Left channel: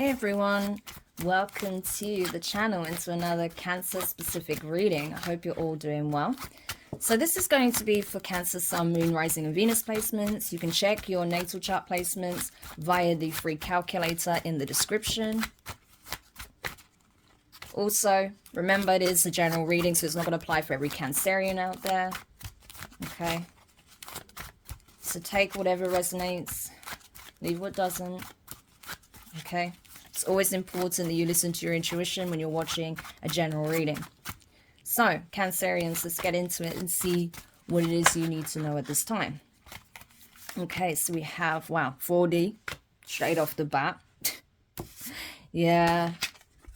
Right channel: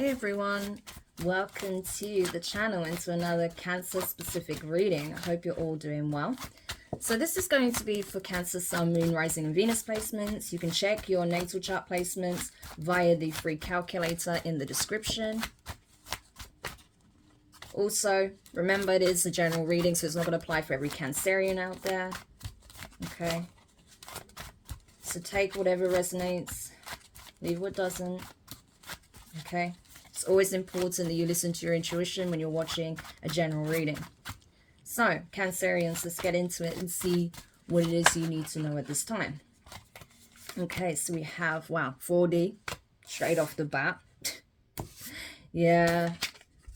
Hey everyone, welcome to the channel and to another Cancer specific reading. I hope you're all doing well. So this is going to be for Cancer, Sun, Moon, Rising and Venus placements. You can check your natal chart placements via the free calculator in the description. Also, remember it is a general reading, so it's not going to apply for every Cancerian out there. Okay. So take whatever resonates, leave what doesn't. Okay. It's always important that you listen to your intuition when you're watching a general reading. So, Cancerians, let's get into it and see what it is you need to know at this time. Okay, so we have, wow, 4D, straight off the bat. Yeah,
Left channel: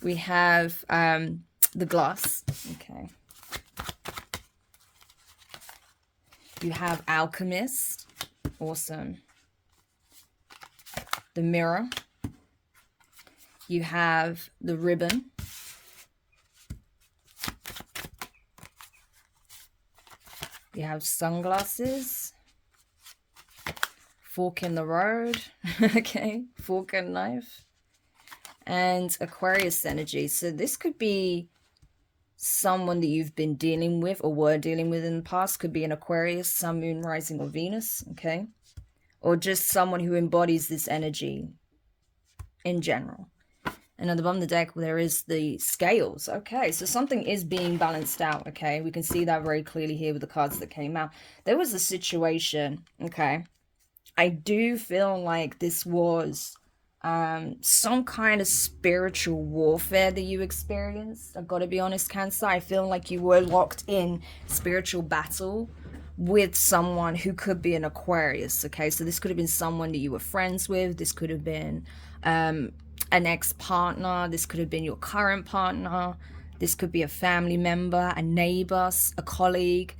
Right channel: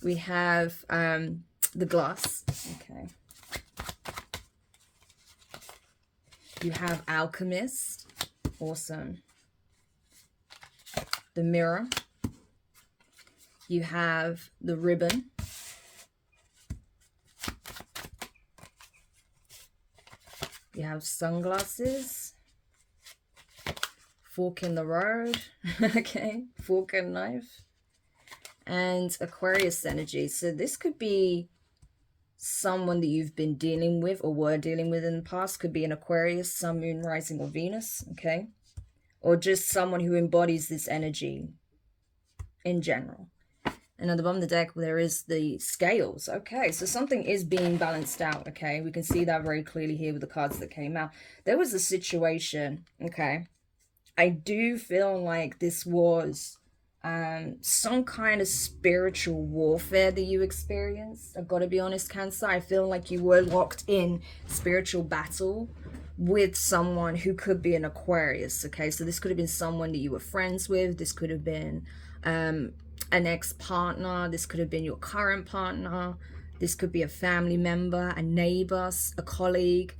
we have the glass. Okay. You have alchemist. Awesome. The mirror. You have the ribbon. You have sunglasses. Fork in the road. Okay, fork and knife. And Aquarius energy. So this could be someone that you've been dealing with or were dealing with in the past. Could be an Aquarius, Sun, Moon, Rising, or Venus. Okay. Or just someone who embodies this energy in general. And on the bottom of the deck, there is the scales. Okay, so something is being balanced out, okay? We can see that very clearly here with the cards that came out. There was a situation, okay? I do feel like this was some kind of spiritual warfare that you experienced. I've got to be honest, Cancer. I feel like you were locked in spiritual battle with someone who could be an Aquarius, okay? So this could have been someone that you were friends with. This could have been an ex-partner. This could have been your current partner. This could be a family member, a neighbor, a colleague,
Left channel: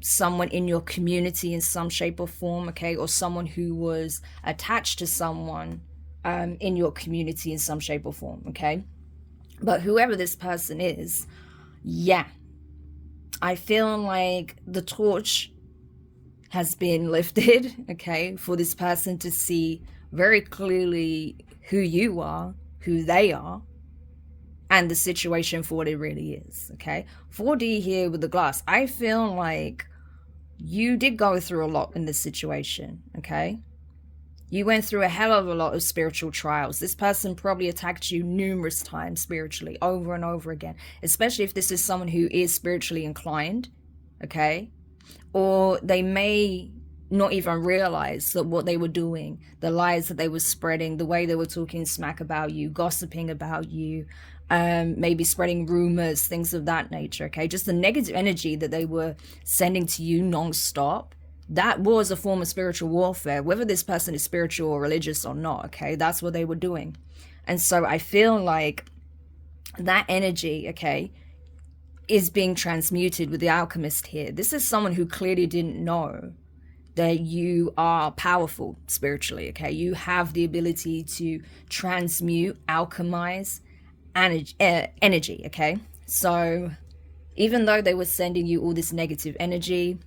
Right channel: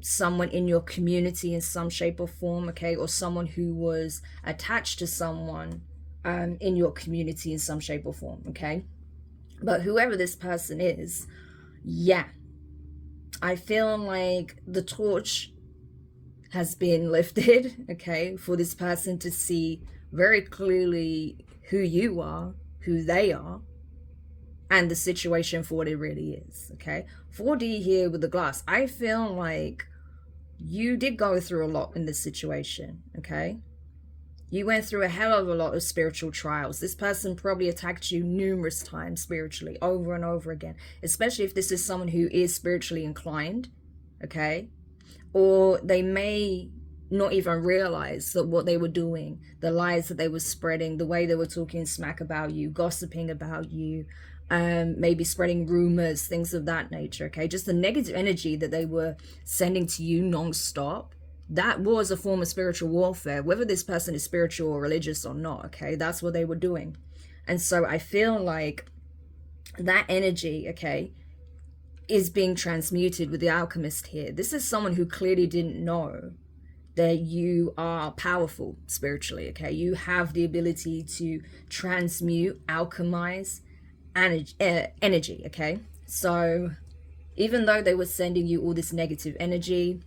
someone in your community in some shape or form, okay? Or someone who was attached to someone in your community in some shape or form, okay? But whoever this person is, yeah, I feel like the torch has been lifted, okay, for this person to see very clearly who you are, who they are, and the situation for what it really is, okay? 4D here with the glass. I feel like you did go through a lot in this situation, okay? You went through a hell of a lot of spiritual trials. This person probably attacked you numerous times spiritually, over and over again, especially if this is someone who is spiritually inclined, okay? Or they may not even realize that what they were doing, the lies that they were spreading, the way they were talking smack about you, gossiping about you, maybe spreading rumors, things of that nature, okay? Just the negative energy that they were sending to you non-stop, that was a form of spiritual warfare, whether this person is spiritual or religious or not, okay? That's what they were doing. And so I feel like that energy, okay, is being transmuted with the alchemist here. This is someone who clearly didn't know that you are powerful spiritually, okay? You have the ability to transmute, alchemize energy, okay? So even though they were sending you all this negative energy,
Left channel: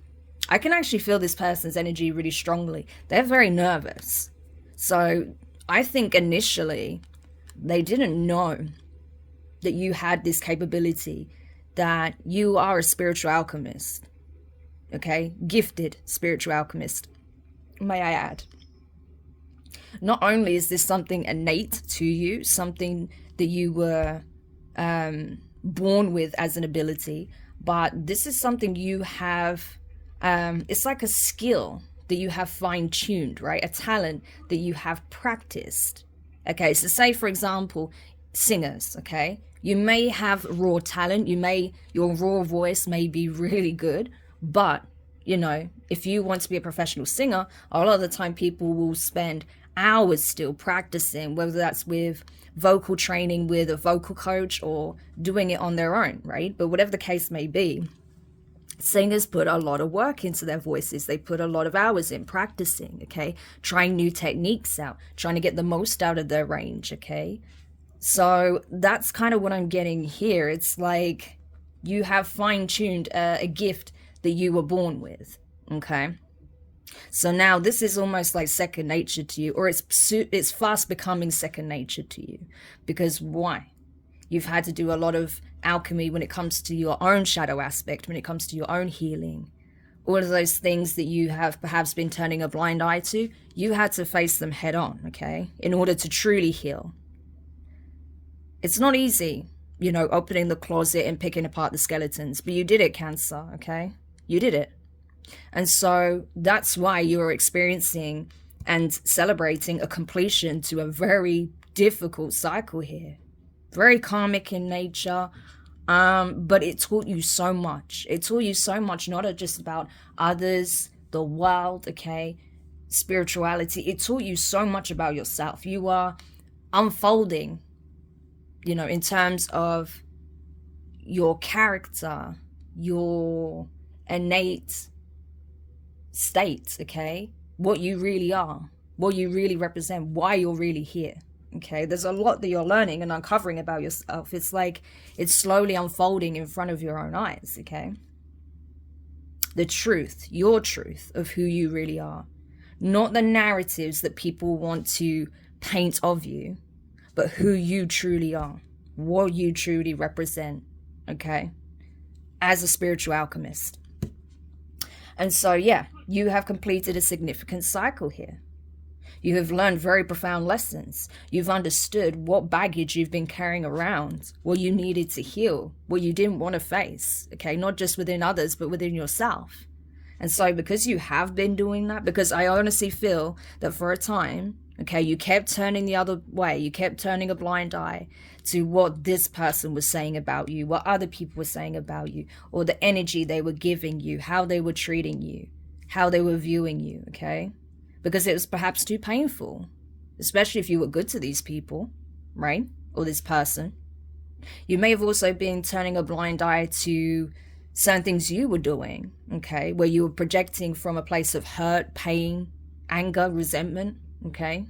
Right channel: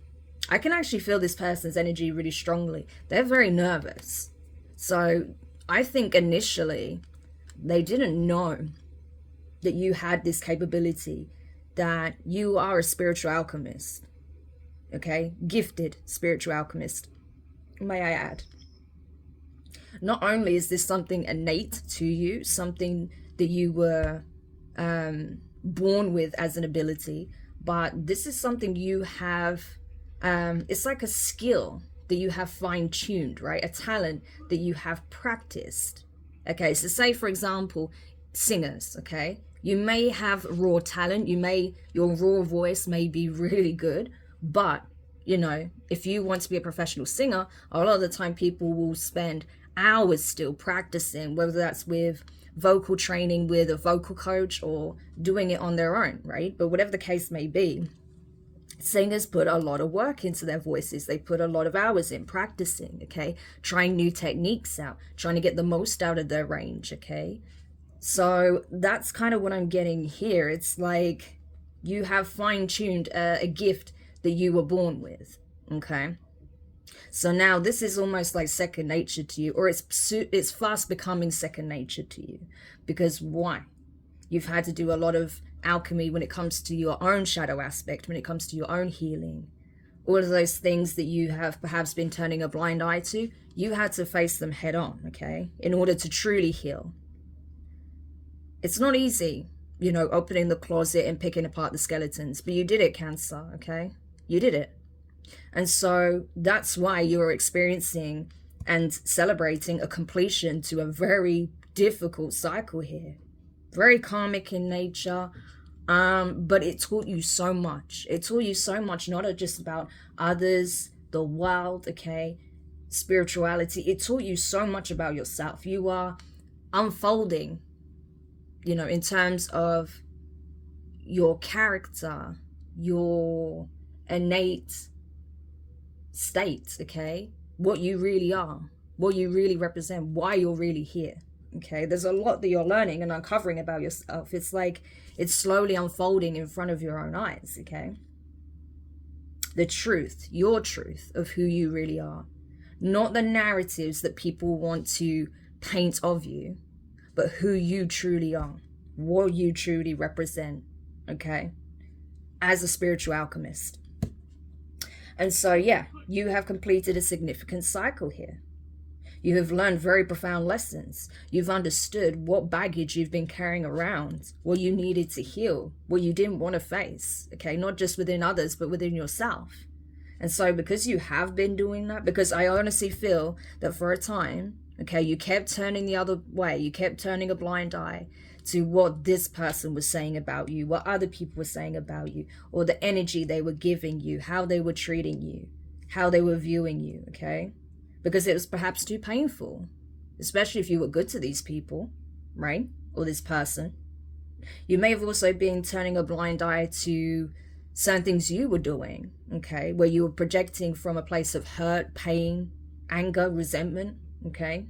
I can actually feel this person's energy really strongly. They're very nervous. So I think initially they didn't know that you had this capability, that you are a spiritual alchemist, okay? Gifted spiritual alchemist, may I add. Not only is this something innate to you, something that you were born with as an ability, but this is something you have, it's like a skill that you have fine-tuned, right? A talent that you have practiced, okay? So say, for example, singers, okay? You may have raw talent, your raw voice may be really good, but, you know, if you want to be a professional singer, a lot of the time people will spend hours still practicing, whether that's with vocal training with a vocal coach or doing it on their own, right? But whatever the case may be, singers put a lot of work into their voices. They put a lot of hours in practicing, okay? Trying new techniques out, trying to get the most out of their range, okay? So that's kind of what I'm getting here. It's like you have fine-tuned a gift that you were born with, okay? So now this is almost like second nature to you, or it's fast becoming second nature to you. Because why? You've had to do a lot of alchemy when it comes to your own shadow aspect, when it comes to your own healing. All of those things that you have perhaps been turning a blind eye to, you had to face them head on, okay, in order to truly heal. It's not easy, you know, opening the closet and picking apart the skeletons, but you did it, Cancer, okay? You did it. And so that's why you're experiencing and celebrating a completion to a very difficult cycle here. Very karmic in nature, but it taught you so much. It taught you so much, not just about others, the world, okay, spirituality. It taught you so much about yourself. You are unfolding, you know, in terms of your character, your innate state, okay, what you really are, what you really represent, why you're really here. Okay, there's a lot that you're learning and uncovering about yourself. It's like it's slowly unfolding in front of your own eyes, okay? The truth, your truth of who you really are. Not the narratives that people want to paint of you, but who you truly are, what you truly represent, okay? As a spiritual alchemist. And so, yeah, you have completed a significant cycle here. You have learned very profound lessons. You've understood what baggage you've been carrying around, what you needed to heal, what you didn't want to face, okay? Not just within others, but within yourself. And so because you have been doing that, because I honestly feel that for a time, okay, you kept turning the other way, you kept turning a blind eye to what this person was saying about you, what other people were saying about you, or the energy they were giving you, how they were treating you, how they were viewing you, okay? Because it was perhaps too painful, especially if you were good to these people, right? Or this person. You may have also been turning a blind eye to certain things you were doing, okay? Where you were projecting from a place of hurt, pain, anger, resentment, okay?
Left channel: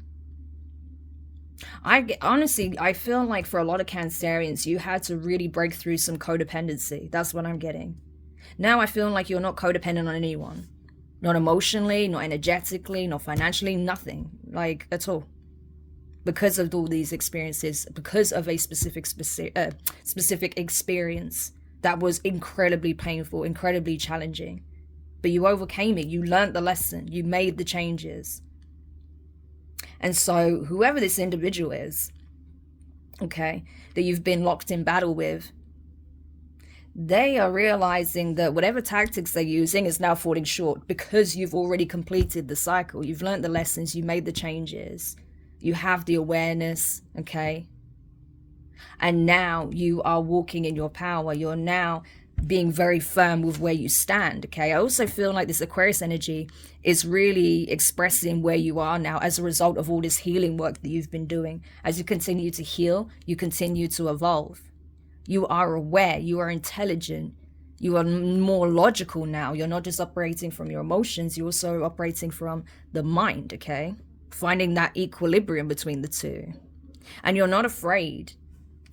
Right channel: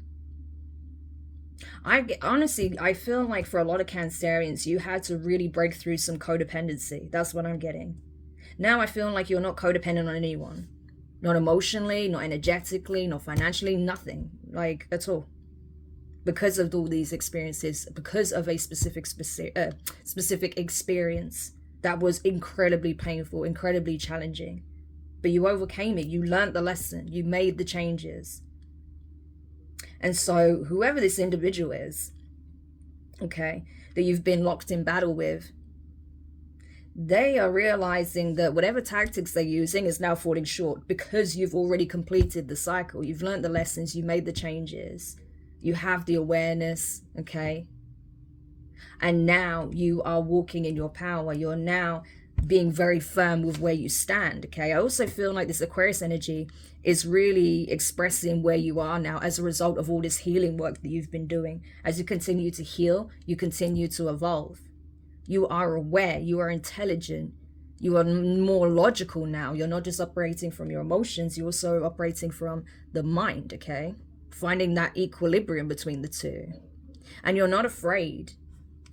Honestly, I feel like for a lot of Cancerians, you had to really break through some codependency. That's what I'm getting. Now I feel like you're not codependent on anyone. Not emotionally, not energetically, not financially, nothing, like at all. Because of all these experiences, because of a specific experience that was incredibly painful, incredibly challenging. But you overcame it, you learned the lesson, you made the changes. And so whoever this individual is, okay, that you've been locked in battle with, they are realizing that whatever tactics they're using is now falling short because you've already completed the cycle. You've learned the lessons, you made the changes, you have the awareness, okay? And now you are walking in your power. You're now being very firm with where you stand, okay? I also feel like this Aquarius energy is really expressing where you are now as a result of all this healing work that you've been doing. As you continue to heal, you continue to evolve. You are aware, you are intelligent, you are more logical now. You're not just operating from your emotions, you're also operating from the mind, okay? Finding that equilibrium between the two. And you're not afraid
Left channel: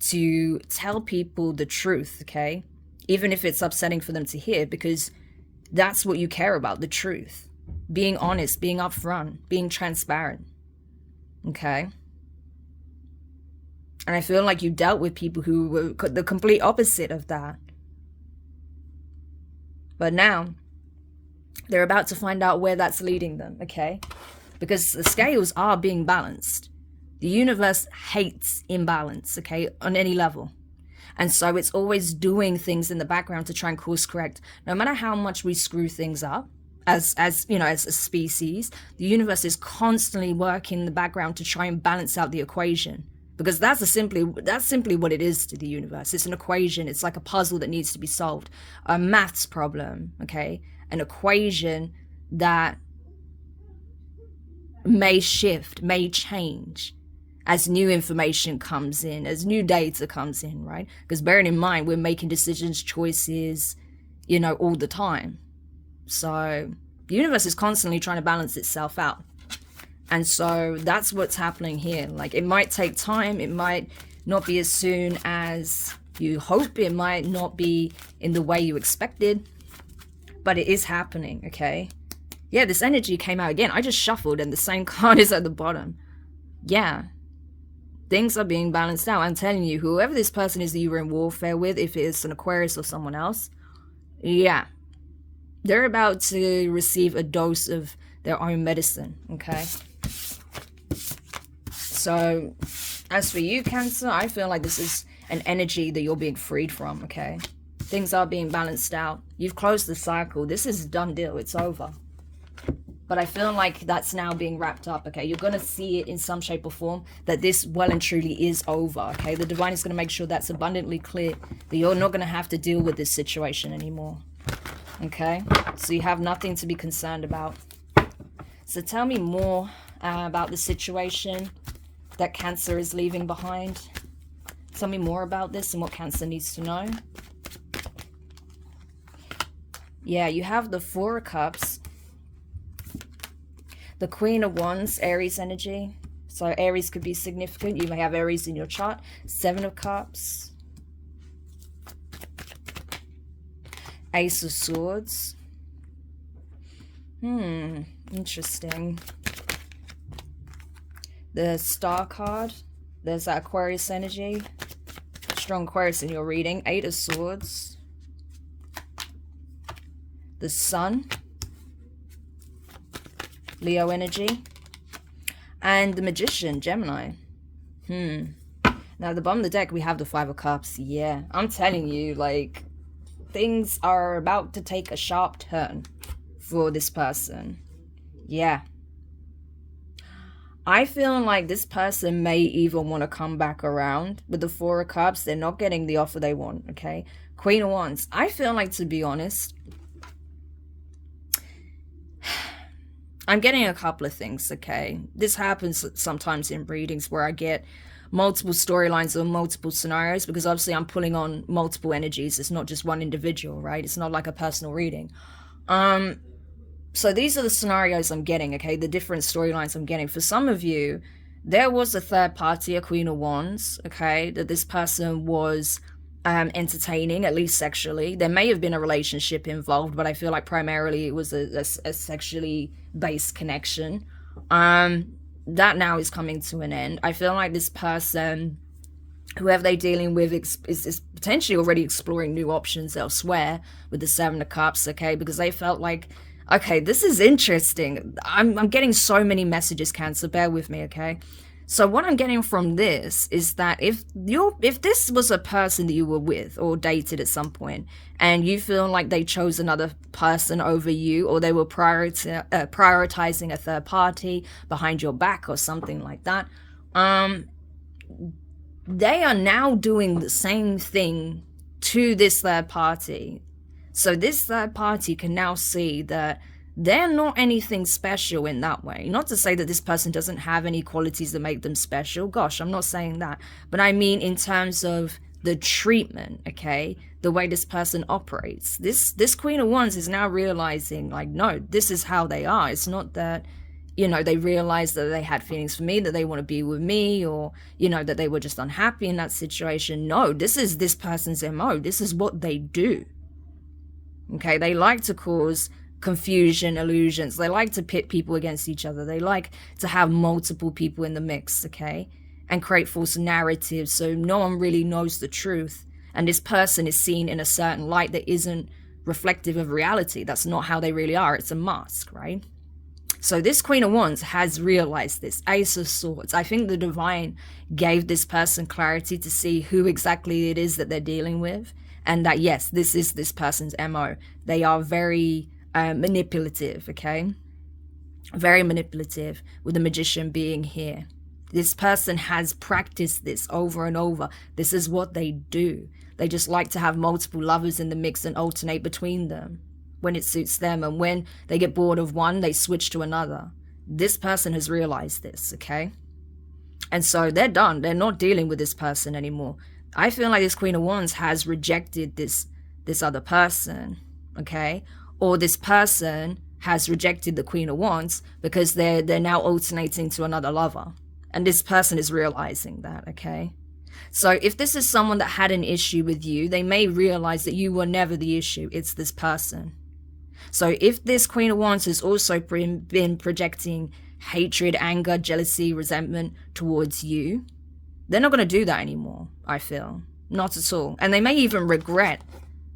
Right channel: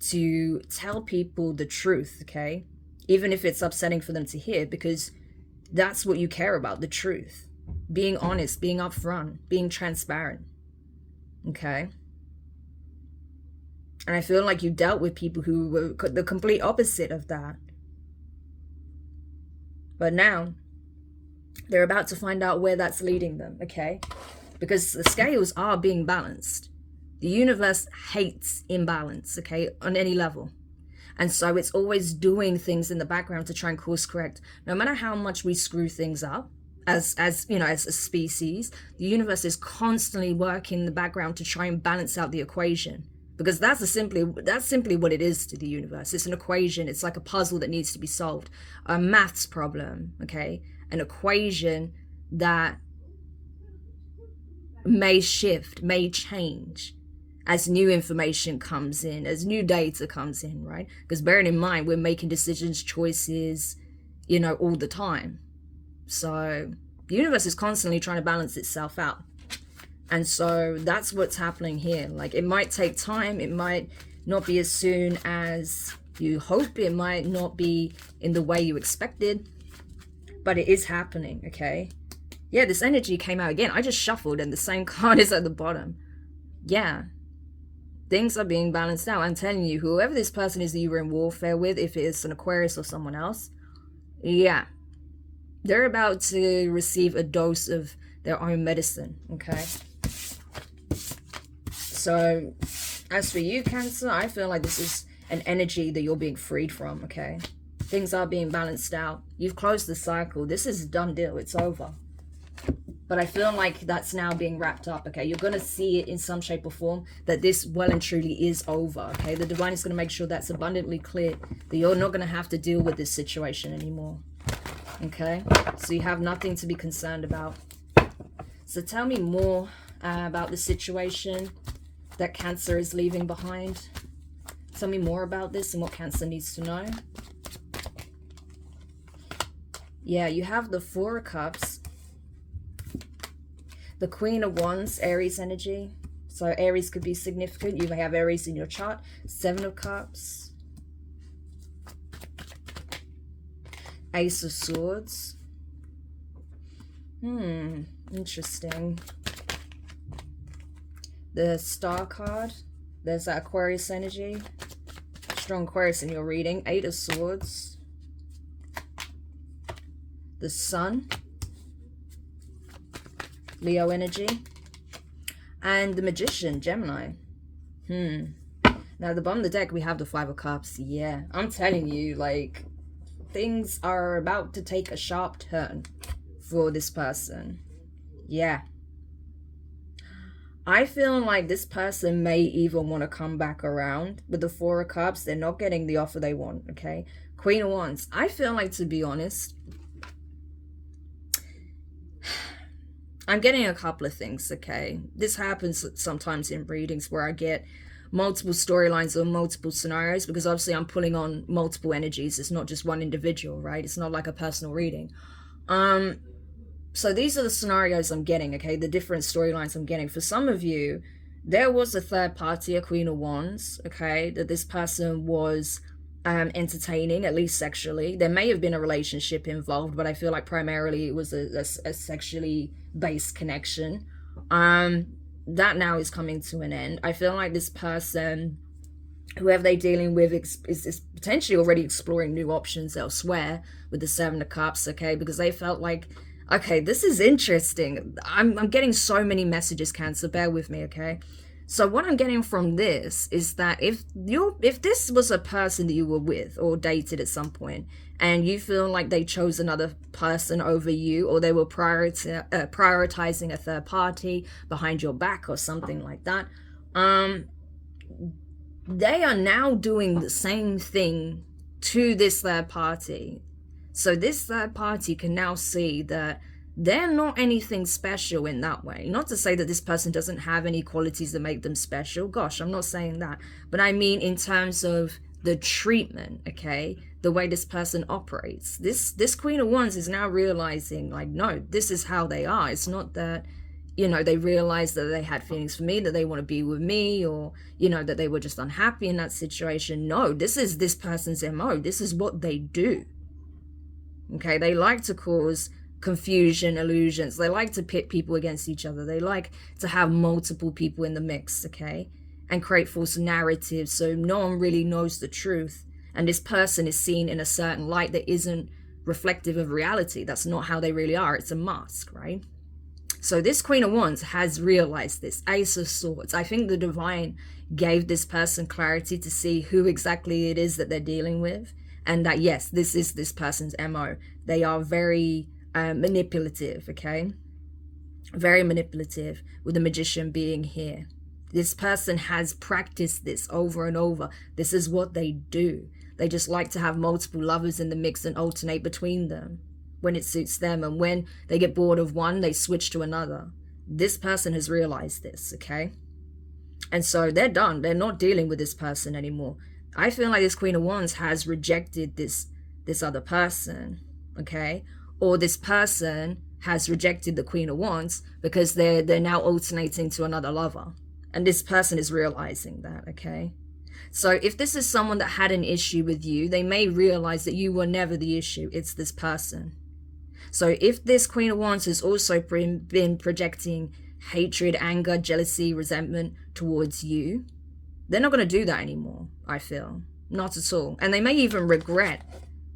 to tell people the truth, okay? Even if it's upsetting for them to hear, because that's what you care about, the truth. Being honest, being upfront, being transparent, okay? And I feel like you dealt with people who were the complete opposite of that. But now, they're about to find out where that's leading them, okay? Because the scales are being balanced. The universe hates imbalance, okay, on any level. And so it's always doing things in the background to try and course correct. No matter how much we screw things up, as you know, as a species, the universe is constantly working in the background to try and balance out the equation. Because that's simply what it is to the universe. It's an equation. It's like a puzzle that needs to be solved. A maths problem, okay? An equation that may shift, may change as new information comes in, as new data comes in, right? Because bearing in mind, we're making decisions, choices, you know, all the time. So the universe is constantly trying to balance itself out. And so that's what's happening here. Like, it might take time. It might not be as soon as you hope. It might not be in the way you expected. But it is happening, okay? Yeah, this energy came out again. I just shuffled and the same card is at the bottom. Yeah. Things are being balanced out. I'm telling you, whoever this person is that you were in warfare with, if it's an Aquarius or someone else, yeah, they're about to receive a dose of their own medicine, okay? So, as for you, Cancer, I feel like this is an energy that you're being freed from, okay? Things are being balanced out. You've closed the cycle. This is a done deal. It's over. But I feel like that's now being wrapped up, okay? You're going to see it in some shape or form that this well and truly is over, okay? The divine is going to make sure that's abundantly clear, that you're not going to have to deal with this situation anymore, okay? So you have nothing to be concerned about. So tell me more about the situation that Cancer is leaving behind. Tell me more about this and what Cancer needs to know. Yeah, you have the Four of Cups, the Queen of Wands, Aries energy. So Aries could be significant. You may have Aries in your chart. Seven of Cups, Ace of Swords. Interesting. The Star card. There's that Aquarius energy. Strong Aquarius in your reading. Eight of Swords. The Sun. Leo energy. And the Magician, Gemini. Now, the bottom of the deck, we have the Five of Cups. Yeah, I'm telling you, like, things are about to take a sharp turn for this person. Yeah. I feel like this person may even want to come back around with the Four of Cups. They're not getting the offer they want, okay? Queen of Wands. I feel like, to be honest, I'm getting a couple of things, okay? This happens sometimes in readings where I get multiple storylines or multiple scenarios, because obviously I'm pulling on multiple energies. It's not just one individual, right? It's not like a personal reading. So these are the scenarios I'm getting, okay? The different storylines I'm getting. For some of you, there was a third party, a Queen of Wands, okay, that this person was entertaining, at least sexually. There may have been a relationship involved, but I feel like primarily it was a sexually based connection. That now is coming to an end. I feel like this person, whoever they're dealing with, is potentially already exploring new options elsewhere with the Seven of Cups, okay? Because they felt like, okay, this is interesting. I'm getting so many messages, Cancer. Bear with me, okay? So what I'm getting from this is that if this was a person that you were with or dated at some point, and you feel like they chose another person over you, or they were prioritizing a third party behind your back or something like that, they are now doing the same thing to this third party. So this third party can now see that they're not anything special in that way. Not to say that this person doesn't have any qualities that make them special. Gosh, I'm not saying that. But I mean in terms of the treatment, okay? The way this person operates. This Queen of Wands is now realizing, like, no, this is how they are. It's not that, you know, they realized that they had feelings for me, that they want to be with me, or, you know, that they were just unhappy in that situation. No, this is this person's MO. This is what they do. Okay, they like to cause confusion, illusions. They like to pit people against each other. They like to have multiple people in the mix, okay, and create false narratives so no one really knows the truth. And this person is seen in a certain light that isn't reflective of reality. That's not how they really are. It's a mask, right? So this Queen of Wands has realized this. Ace of Swords. I think the divine gave this person clarity to see who exactly it is that they're dealing with. And that, yes, this is this person's MO. They are very manipulative, okay? Very manipulative, with the Magician being here. This person has practiced this over and over. This is what they do. They just like to have multiple lovers in the mix and alternate between them when it suits them. And when they get bored of one, they switch to another. This person has realized this, okay? And so they're done. They're not dealing with this person anymore. I feel like this Queen of Wands has rejected this other person, okay? Or this person has rejected the Queen of Wands because they're now alternating to another lover. And this person is realizing that, okay? So if this is someone that had an issue with you, they may realize that you were never the issue. It's this person. So if this Queen of Wands has also been projecting hatred, anger, jealousy, resentment towards you, they're not going to do that anymore, I feel. Not at all. And they may even regret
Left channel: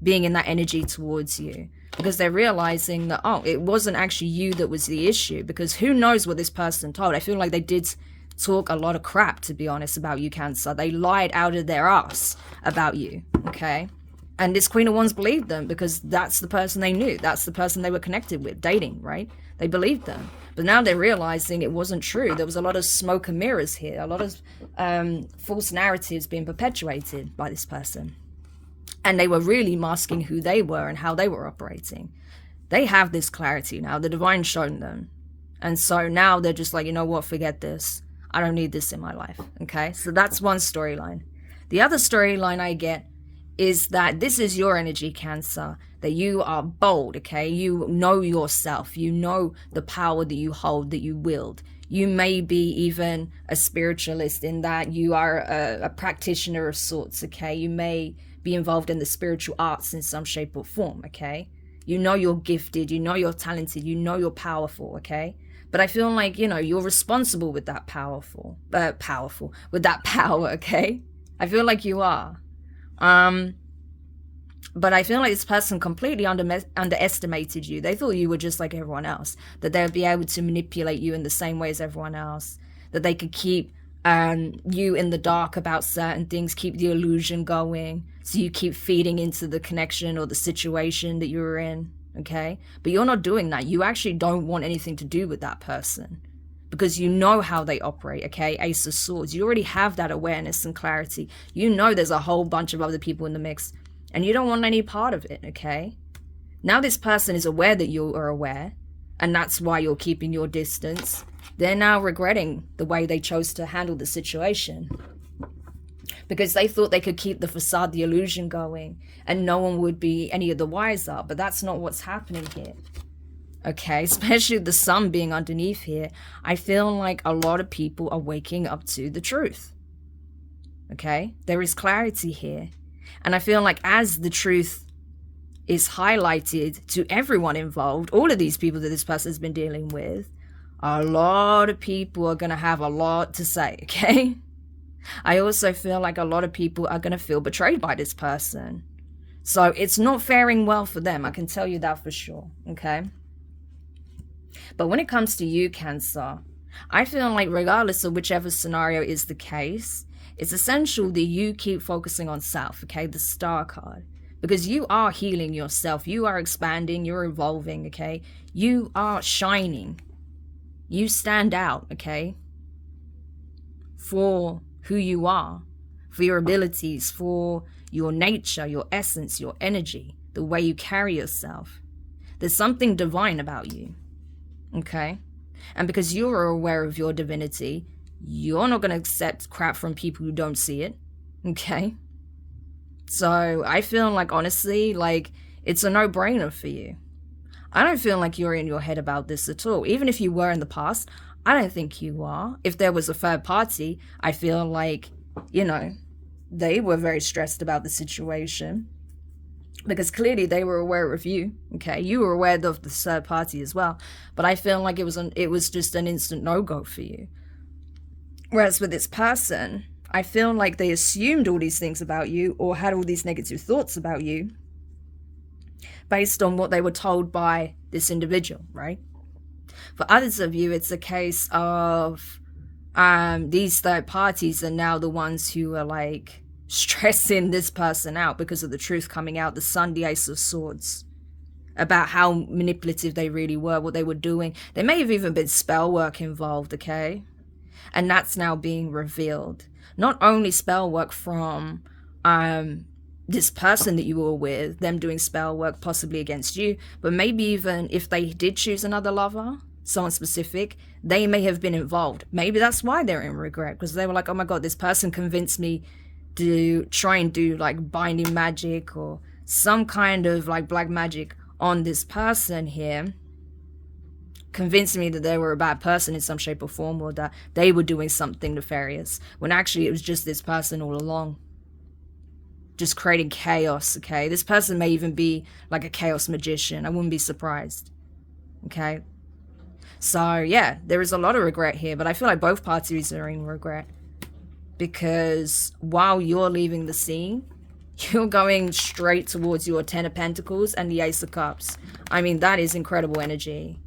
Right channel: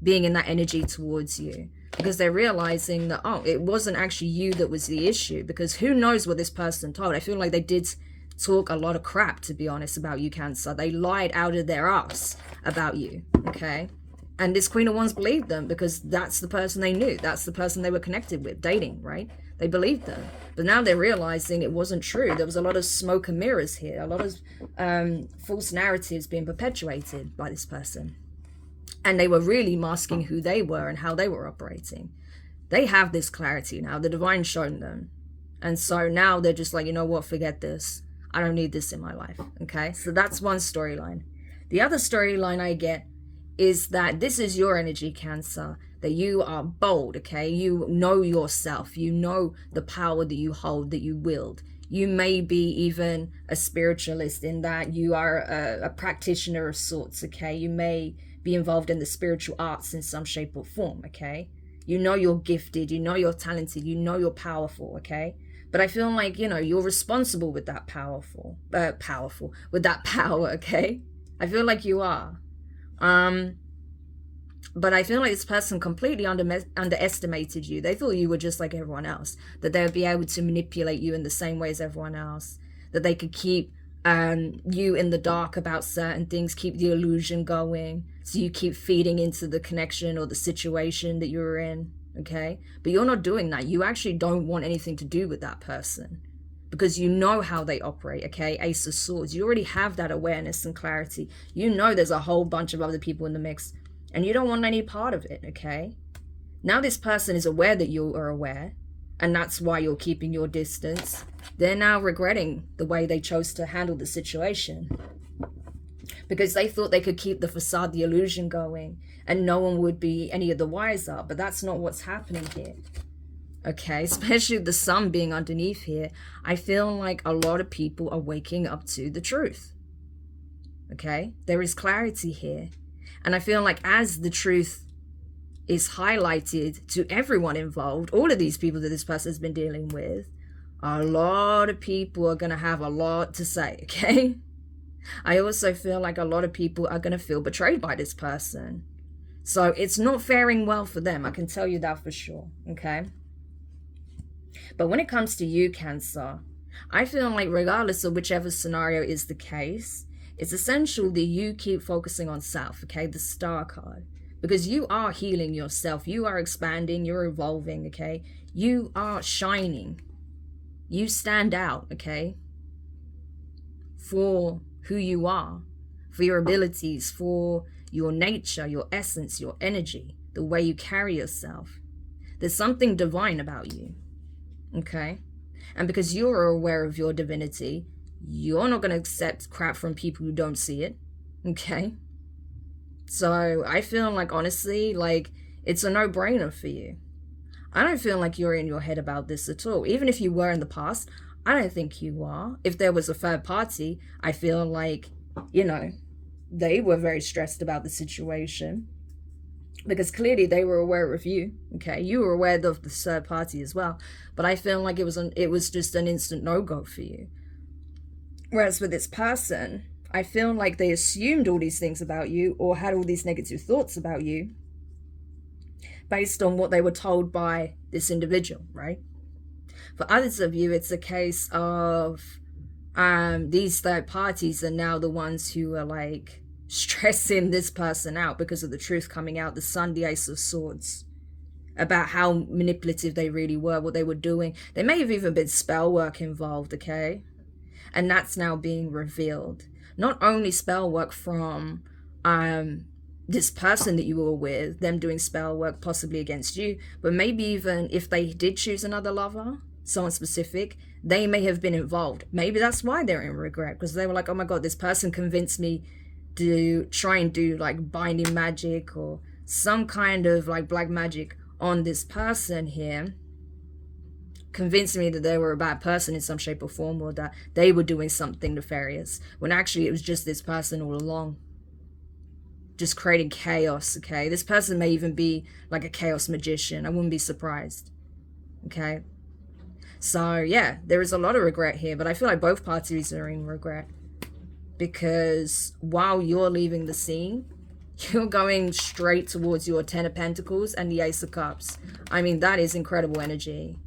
being in that energy towards you, because they're realizing that, oh, it wasn't actually you that was the issue, because who knows what this person told. I feel like they did talk a lot of crap, to be honest, about you, Cancer. They lied out of their ass about you, okay? And this Queen of Wands believed them, because that's the person they knew. That's the person they were connected with, dating, right? They believed them. But now they're realizing it wasn't true. There was a lot of smoke and mirrors here, a lot of false narratives being perpetuated by this person. And they were really masking who they were and how they were operating. They have this clarity now. The divine shown them. And so now they're just like, you know what, forget this. I don't need this in my life, okay? So that's one storyline. The other storyline I get is that this is your energy, Cancer, that you are bold, okay? You know yourself. You know the power that you hold, that you wield. You may be even a spiritualist in that you are a practitioner of sorts, okay? You may be involved in the spiritual arts in some shape or form, okay? You know you're gifted, you know you're talented, you know you're powerful, okay? But I feel like, you know, you're responsible with that with that power, okay? I feel like you are. But I feel like this person completely underestimated you. They thought you were just like everyone else, that they would be able to manipulate you in the same way as everyone else, that they could keep you in the dark about certain things, keep the illusion going, so you keep feeding into the connection or the situation that you're in, okay? But you're not doing that. You actually don't want anything to do with that person, because you know how they operate, okay? Ace of Swords. You already have that awareness and clarity. You know there's a whole bunch of other people in the mix, and you don't want any part of it, okay? Now this person is aware that you are aware, and that's why you're keeping your distance. They're now regretting the way they chose to handle the situation, because they thought they could keep the facade, the illusion going, and no one would be any of the wiser. But that's not what's happening here, okay? Especially the sun being underneath here. I feel like a lot of people are waking up to the truth, okay? There is clarity here. And I feel like as the truth is highlighted to everyone involved, all of these people that this person has been dealing with, a lot of people are going to have a lot to say, okay? I also feel like a lot of people are going to feel betrayed by this person. So it's not faring well for them. I can tell you that for sure, okay? But when it comes to you, Cancer, I feel like regardless of whichever scenario is the case, it's essential that you keep focusing on self, okay? The Star card. Because you are healing yourself. You are expanding. You're evolving, okay? You are shining. You stand out, okay? For who you are, for your abilities, for your nature, your essence, your energy, the way you carry yourself. There's something divine about you, okay? And because you're aware of your divinity, you're not going to accept crap from people who don't see it, okay? So I feel like, honestly, like, it's a no-brainer for you. I don't feel like you're in your head about this at all. Even if you were in the past, I don't think you are. If there was a third party, I feel like, you know, they were very stressed about the situation, because clearly they were aware of you, okay? You were aware of the third party as well. But I feel like it was just an instant no-go for you. Whereas with this person, I feel like they assumed all these things about you, or had all these negative thoughts about you based on what they were told by this individual, right? For others of you, it's a case of these third parties are now the ones who are like stressing this person out because of the truth coming out, the Sun, the Ace of Swords, about how manipulative they really were, what they were doing. There may have even been spell work involved, okay? And that's now being revealed. Not only spell work from this person that you were with, them doing spell work possibly against you, but maybe even if they did choose another lover, someone specific, they may have been involved. Maybe that's why they're in regret, because they were like, oh my god, this person convinced me to try and do like binding magic or some kind of like black magic on this person here, convinced me that they were a bad person in some shape or form, or that they were doing something nefarious, when actually it was just this person all along. just creating chaos, okay? This person may even be like a chaos magician. I wouldn't be surprised, okay? So, yeah, there is a lot of regret here, but I feel like both parties are in regret. Because while you're leaving the scene, you're going straight towards your Ten of Pentacles and the Ace of Cups. I mean, that is incredible energy.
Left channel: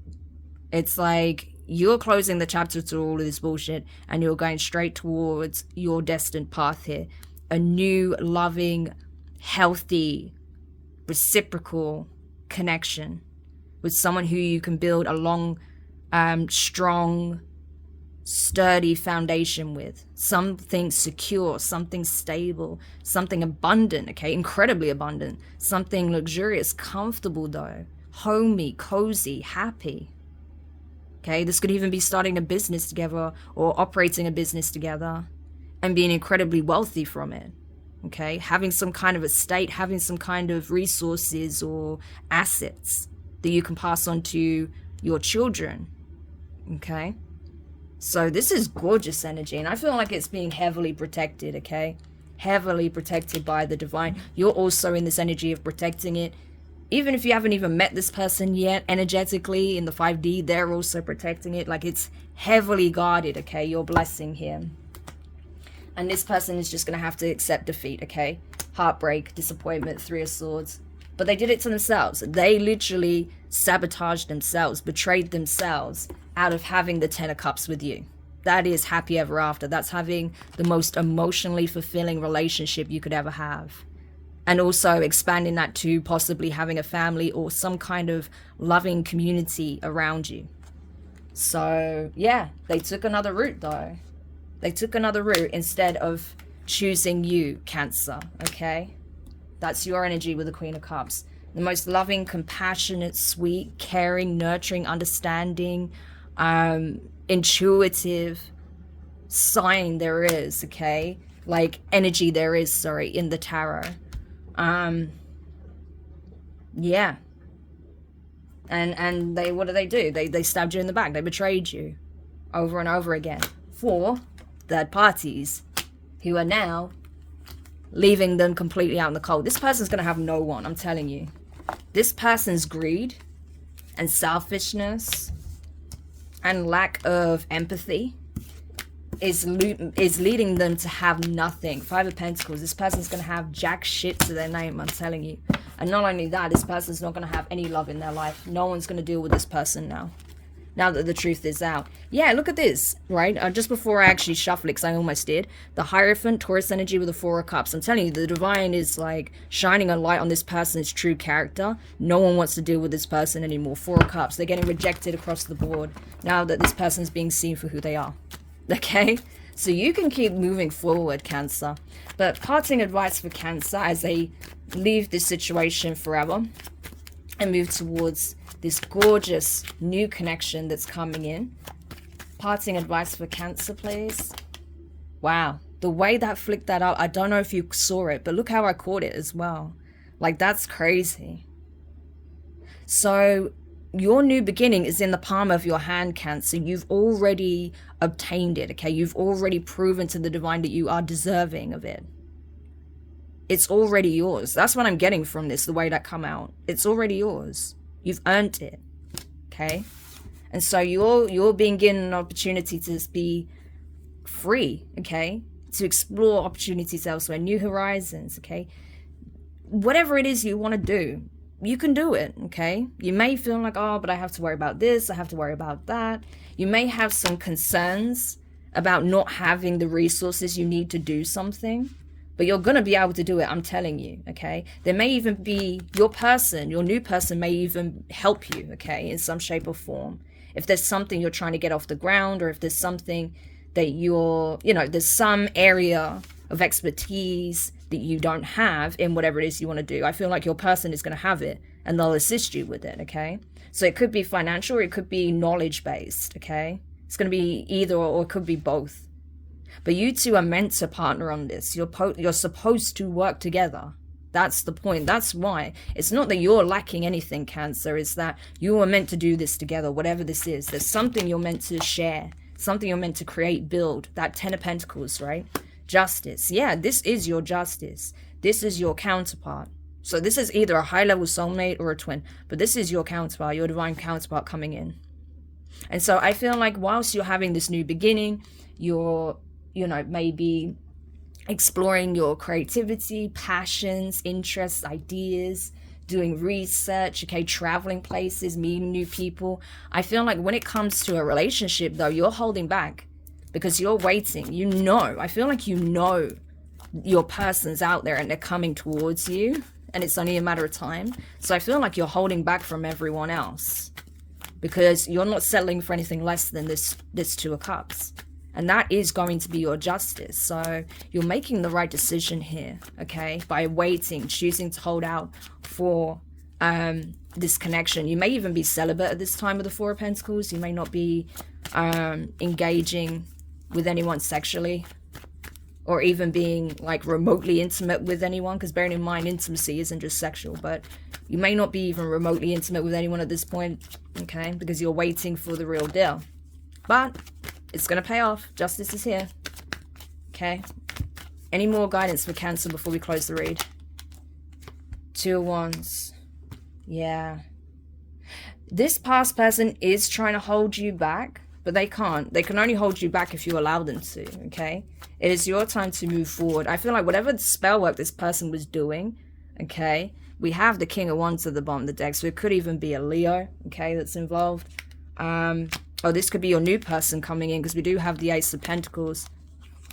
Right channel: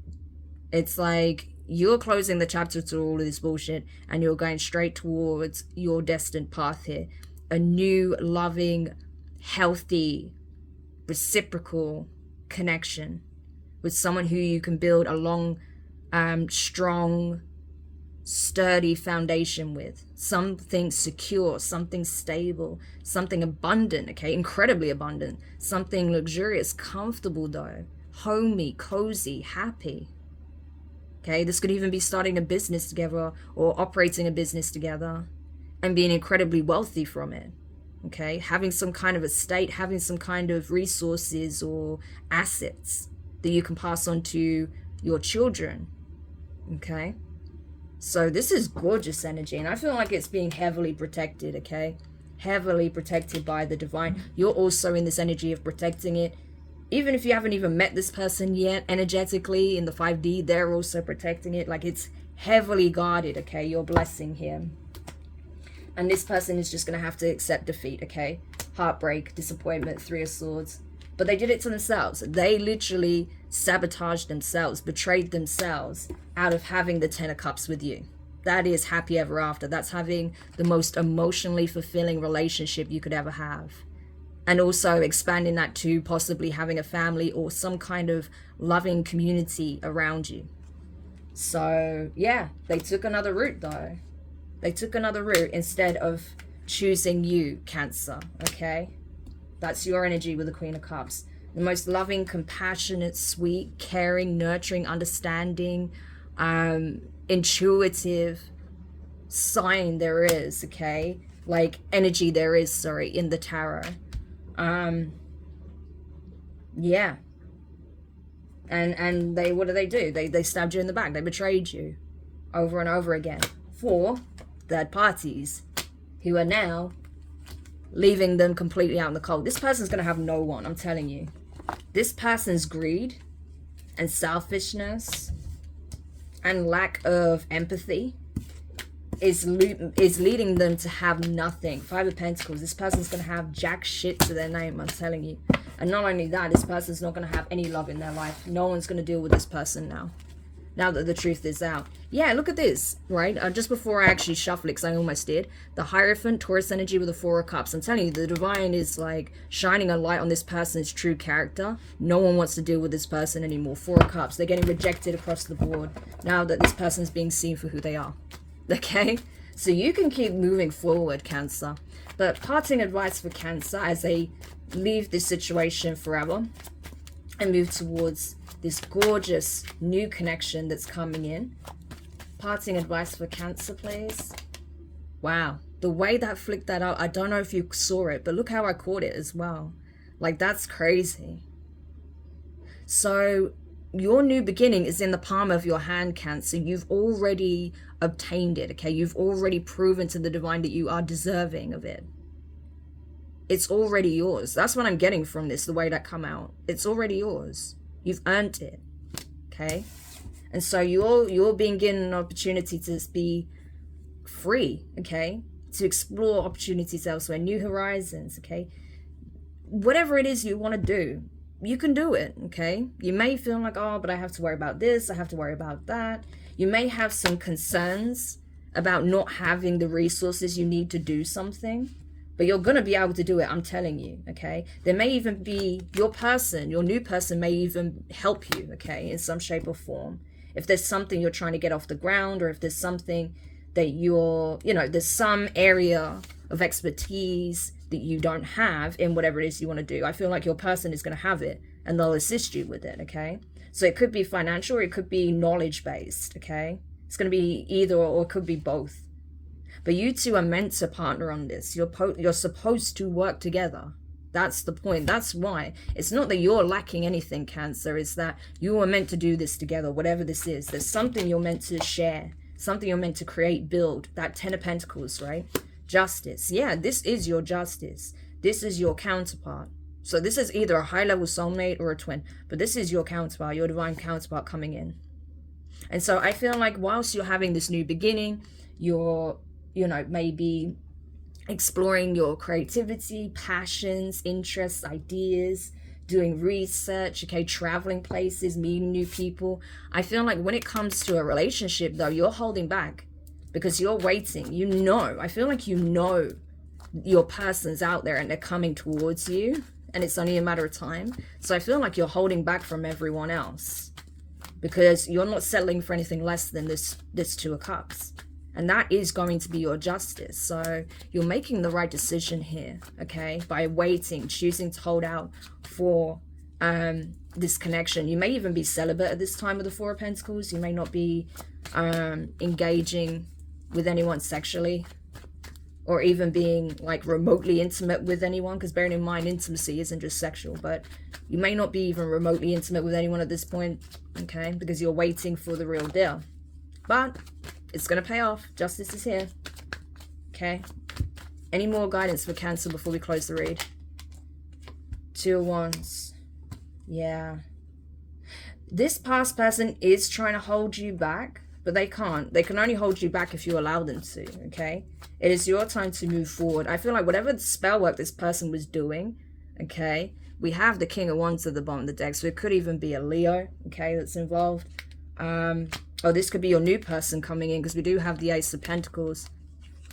It's like you're closing the chapter to all of this bullshit and you're going straight towards your destined path here. A new, loving, healthy, reciprocal connection with someone who you can build a long, strong, sturdy foundation with. Something secure, something stable, something abundant, okay? Incredibly abundant. Something luxurious, comfortable though. Homey, cozy, happy. Okay, this could even be starting a business together or operating a business together and being incredibly wealthy from it. Okay, having some kind of estate, having some kind of resources or assets that you can pass on to your children. Okay, so this is gorgeous energy, and I feel like it's being heavily protected, okay? Heavily protected by the divine. You're also in this energy of protecting it. Even if you haven't even met this person yet, energetically in the 5D, they're also protecting it. Like, it's heavily guarded, okay? You're blessing him. And this person is just going to have to accept defeat, okay? Heartbreak, disappointment, 3 of Swords. But they did it to themselves. They literally sabotaged themselves, betrayed themselves out of having the 10 of Cups with you. That is happy ever after. That's having the most emotionally fulfilling relationship you could ever have. And also expanding that to possibly having a family or some kind of loving community around you. So, yeah, they took another route though. They took another route instead of choosing you, Cancer, okay? That's your energy with the Queen of Cups. The most loving, compassionate, sweet, caring, nurturing, understanding, intuitive sign there is, okay? Like energy there is, sorry, in the tarot. Yeah. And they, what do? They stabbed you in the back. They betrayed you over and over again for third parties who are now leaving them completely out in the cold. This person's going to have no one, I'm telling you. This person's greed and selfishness and lack of empathy is leading them to have nothing. 5 of Pentacles. This person's going to have jack shit to their name, I'm telling you. And not only that, this person's not going to have any love in their life. No one's going to deal with this person now that the truth is out. Yeah, look at this, right? Just before I actually shuffle it, because I almost did. The Hierophant, Taurus energy with the 4 of Cups. I'm telling you, the divine is like shining a light on this person's true character. No one wants to deal with this person anymore. 4 of Cups. They're getting rejected across the board now that this person's being seen for who they are. Okay? So you can keep moving forward, Cancer. But parting advice for Cancer as they leave this situation forever and move towards this gorgeous new connection that's coming in. Parting advice for Cancer, please. Wow. The way that flicked that out, I don't know if you saw it, but look how I caught it as well. Like, that's crazy. So your new beginning is in the palm of your hand, Cancer. You've already obtained it, okay? You've already proven to the divine that you are deserving of it. It's already yours. That's what I'm getting from this, the way that come out. It's already yours. You've earned it, okay? And so you're being given an opportunity to be free, okay? To explore opportunities elsewhere, new horizons, okay? Whatever it is you want to do, you can do it, okay? You may feel like, oh, but I have to worry about this, I have to worry about that. You may have some concerns about not having the resources you need to do something, but you're going to be able to do it, I'm telling you, okay? There may even be your new person may even help you, okay, in some shape or form. If there's something you're trying to get off the ground, or if there's something that there's some area of expertise that you don't have in whatever it is you want to do. I feel like your person is going to have it and they'll assist you with it, okay? So it could be financial or it could be knowledge-based, okay? It's going to be either or it could be both. But you two are meant to partner on this. You're supposed to work together. That's the point. That's why. It's not that you're lacking anything, Cancer. It's that you are meant to do this together, whatever this is. There's something you're meant to share, something you're meant to create, build. That 10 of Pentacles, right? Justice. Yeah, this is your justice. This is your counterpart. So this is either a high-level soulmate or a twin, but this is your counterpart, your divine counterpart coming in. And so I feel like whilst you're having this new beginning, you're, you know, maybe exploring your creativity, passions, interests, ideas, doing research, okay, traveling places, meeting new people. I feel like when it comes to a relationship, though, you're holding back because you're waiting. You know, I feel like you know your person's out there and they're coming towards you, and it's only a matter of time. So I feel like you're holding back from everyone else because you're not settling for anything less than this Two of Cups. And that is going to be your justice. So you're making the right decision here, okay? By waiting, choosing to hold out for this connection. You may even be celibate at this time with the Four of Pentacles. You may not be engaging with anyone sexually, or even being like remotely intimate with anyone, because bearing in mind intimacy isn't just sexual, but you may not be even remotely intimate with anyone at this point, okay? Because you're waiting for the real deal. But it's going to pay off. Justice is here. Okay. Any more guidance for Cancer before we close the read? Two of Wands. Yeah. This past person is trying to hold you back, but they can't. They can only hold you back if you allow them to, okay? It is your time to move forward. I feel like whatever spell work this person was doing, okay? We have the King of Wands at the bottom of the deck, so it could even be a Leo, okay, that's involved. Or this could be your new person coming in, because we do have the Ace of Pentacles.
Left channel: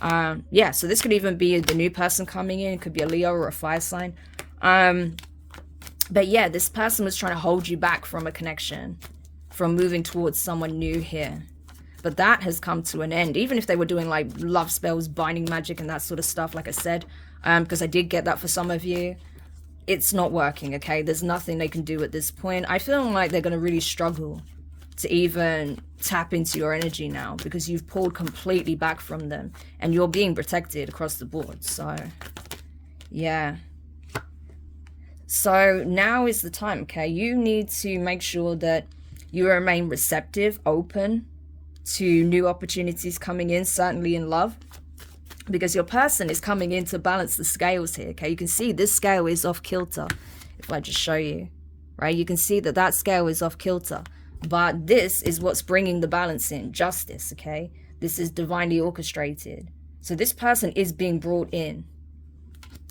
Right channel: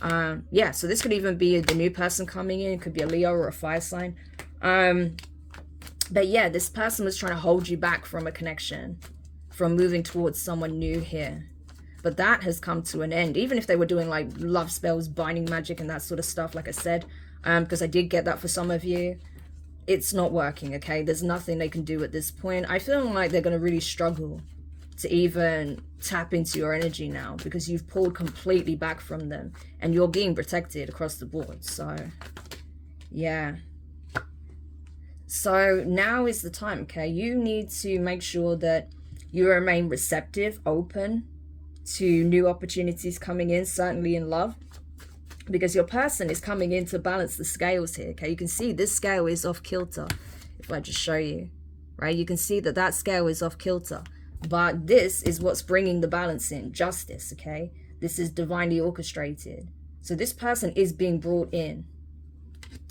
Yeah, so this could even be the new person coming in. It could be a Leo or a fire sign. But yeah, this person was trying to hold you back from a connection, from moving towards someone new here. But that has come to an end. Even if they were doing like love spells, binding magic and that sort of stuff, like I said, because I did get that for some of you. It's not working, okay? There's nothing they can do at this point. I feel like they're going to really struggle to even tap into your energy now, because you've pulled completely back from them and you're being protected across the board. So yeah, so now is the time, okay? You need to make sure that you remain receptive, open to new opportunities coming in, certainly in love, because your person is coming in to balance the scales here, okay? You can see this scale is off kilter. If I just show you, right, you can see that that scale is off kilter. But this is what's bringing the balance in, justice, okay? This is divinely orchestrated. So this person is being brought in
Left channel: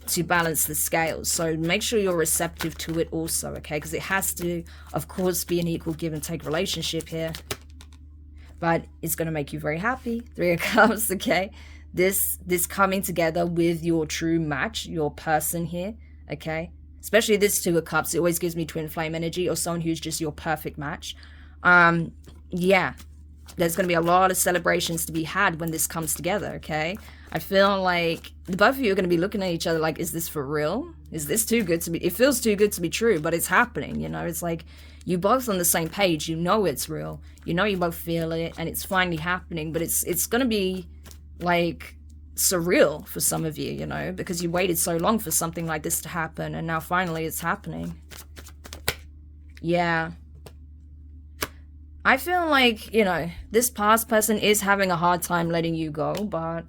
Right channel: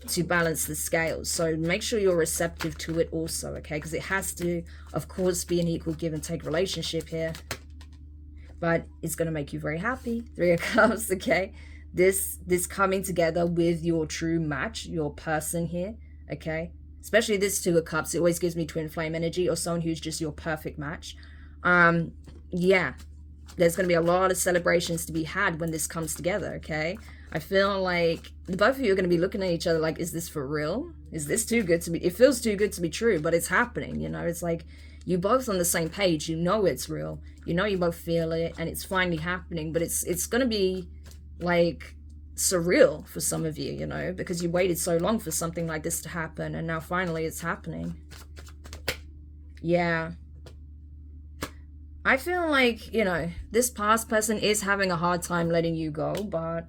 to balance the scales. So make sure you're receptive to it also, okay? Because it has to, of course, be an equal give and take relationship here. But it's going to make you very happy. Three of Cups, okay? This coming together with your true match, your person here, okay? Especially this Two of Cups, it always gives me twin flame energy, or someone who's just your perfect match. Yeah, there's going to be a lot of celebrations to be had when this comes together, okay? I feel like the both of you are going to be looking at each other like, is this for real? Is this too good to be? It feels too good to be true, but it's happening, you know? It's like you both on the same page. You know it's real. You know you both feel it, and it's finally happening. But it's going to be like surreal for some of you, you know, because you waited so long for something like this to happen, and now finally it's happening. Yeah. I feel like, you know, this past person is having a hard time letting you go, but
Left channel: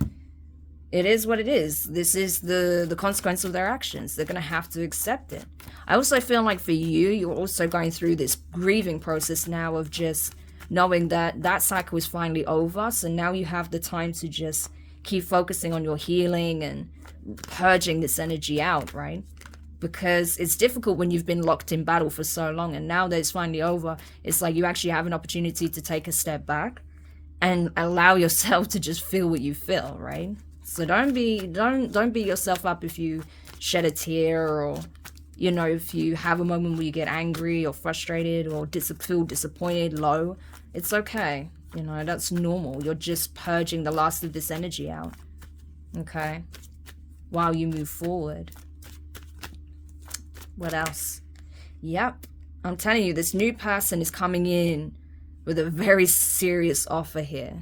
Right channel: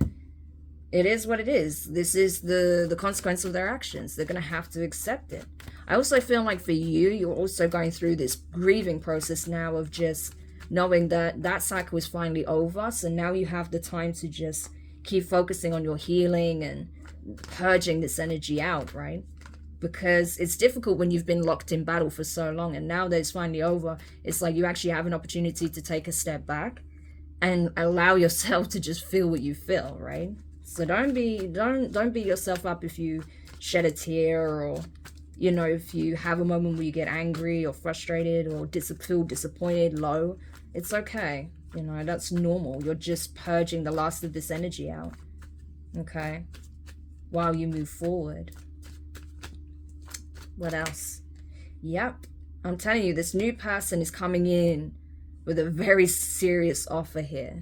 it is what it is. This is the consequence of their actions. They're going to have to accept it. I also feel like for you, you're also going through this grieving process now of just knowing that that cycle is finally over. So now you have the time to just keep focusing on your healing and purging this energy out, right? Because it's difficult when you've been locked in battle for so long, and now that it's finally over, it's like you actually have an opportunity to take a step back and allow yourself to just feel what you feel, right? So don't beat yourself up if you shed a tear, or, you know, if you have a moment where you get angry or frustrated or feel disappointed, low. It's okay, you know, that's normal. You're just purging the last of this energy out, okay, while you move forward. What else? Yep, I'm telling you, this new person is coming in with a very serious offer here.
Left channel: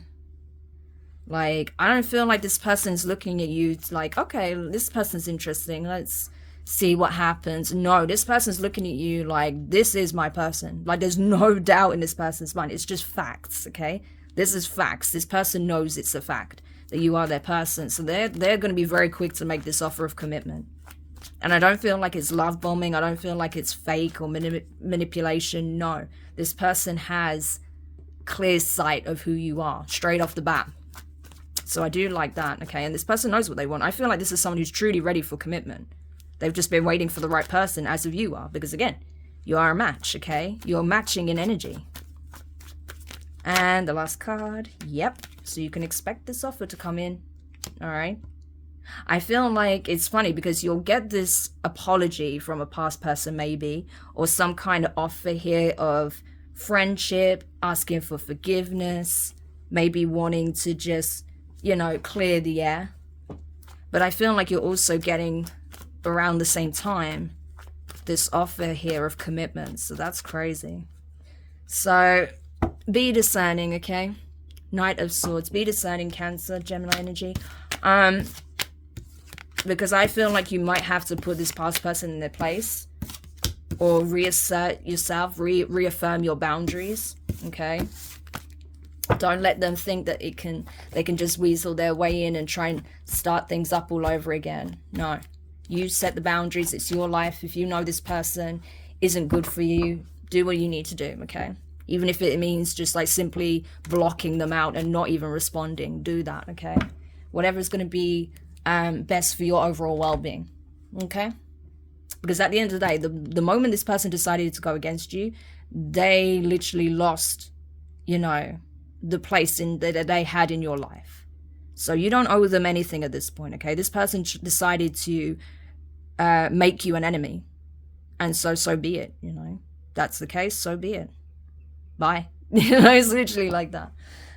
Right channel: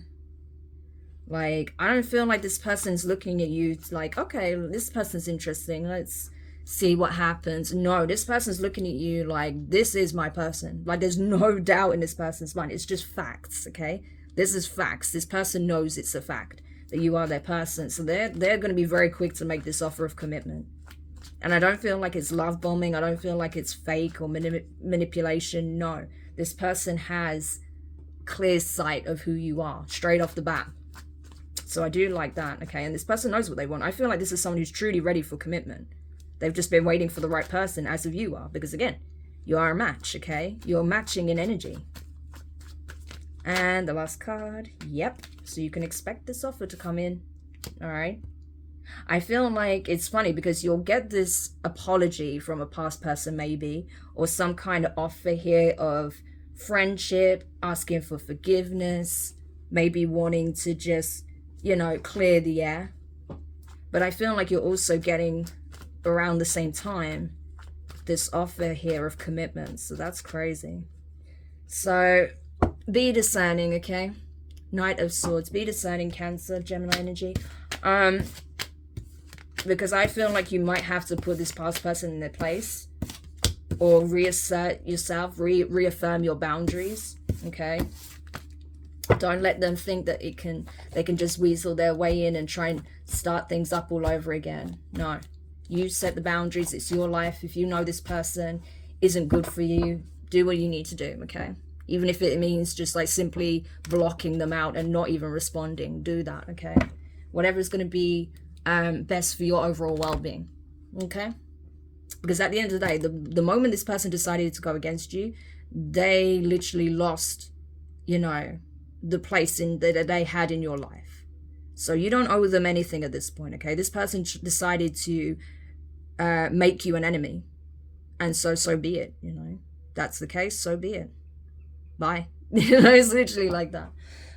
Like, I don't feel like this person's looking at you like, okay, this person's interesting, let's see what happens. No, this person's looking at you like, this is my person. Like, there's no doubt in this person's mind. It's just facts, okay? This is facts. This person knows it's a fact that you are their person. So they're going to be very quick to make this offer of commitment. And I don't feel like it's love bombing. I don't feel like it's fake or manipulation. No, this person has clear sight of who you are straight off the bat. So I do like that, okay? And this person knows what they want. I feel like this is someone who's truly ready for commitment. They've just been waiting for the right person, as of you are. Because again, you are a match, okay? You're matching in energy. And the last card, yep. So you can expect this offer to come in, all right? I feel like it's funny because you'll get this apology from a past person maybe, or some kind of offer here of friendship, asking for forgiveness, maybe wanting to just, you know, clear the air. But I feel like you're also getting around the same time this offer here of commitment. So that's crazy. So be discerning, okay? Knight of Swords. Be discerning, Cancer, Gemini energy. Because I feel like you might have to put this past person in their place, or reassert yourself, reaffirm your boundaries, okay? Don't let them think that they can just weasel their way in and try and start things up all over again. No, you set the boundaries. It's your life. If you know this person isn't good for you, do what you need to do, okay? Even if it means just like simply blocking them out and not even responding, do that, okay? Whatever is going to be best for your overall well-being, okay? Because at the end of the day, the moment this person decided to go against you, they literally lost, you know, the place that they had in your life. So you don't owe them anything at this point, okay? This person decided to make you an enemy, and so be it, you know? That's the case, so be it. Bye. You know, it's literally like that.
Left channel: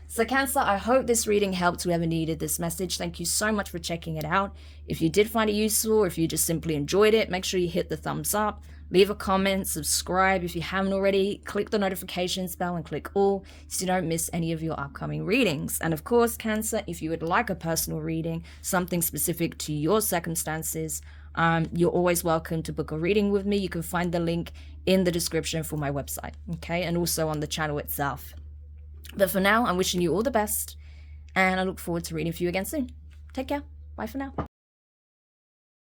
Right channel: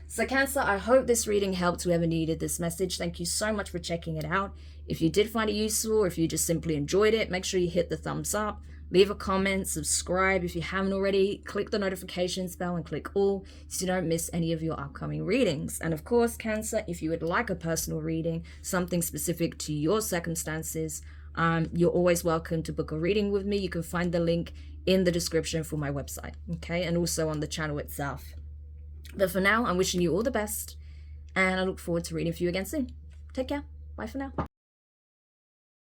So Cancer, I hope this reading helped whoever needed this message. Thank you so much for checking it out. If you did find it useful, or if you just simply enjoyed it, make sure you hit the thumbs up, leave a comment, subscribe if you haven't already, click the notifications bell and click all so you don't miss any of your upcoming readings. And of course, Cancer, if you would like a personal reading, something specific to your circumstances, you're always welcome to book a reading with me. You can find the link in the description for my website, okay? And also on the channel itself. But for now, I'm wishing you all the best, and I look forward to reading for you again soon. Take care. Bye for now.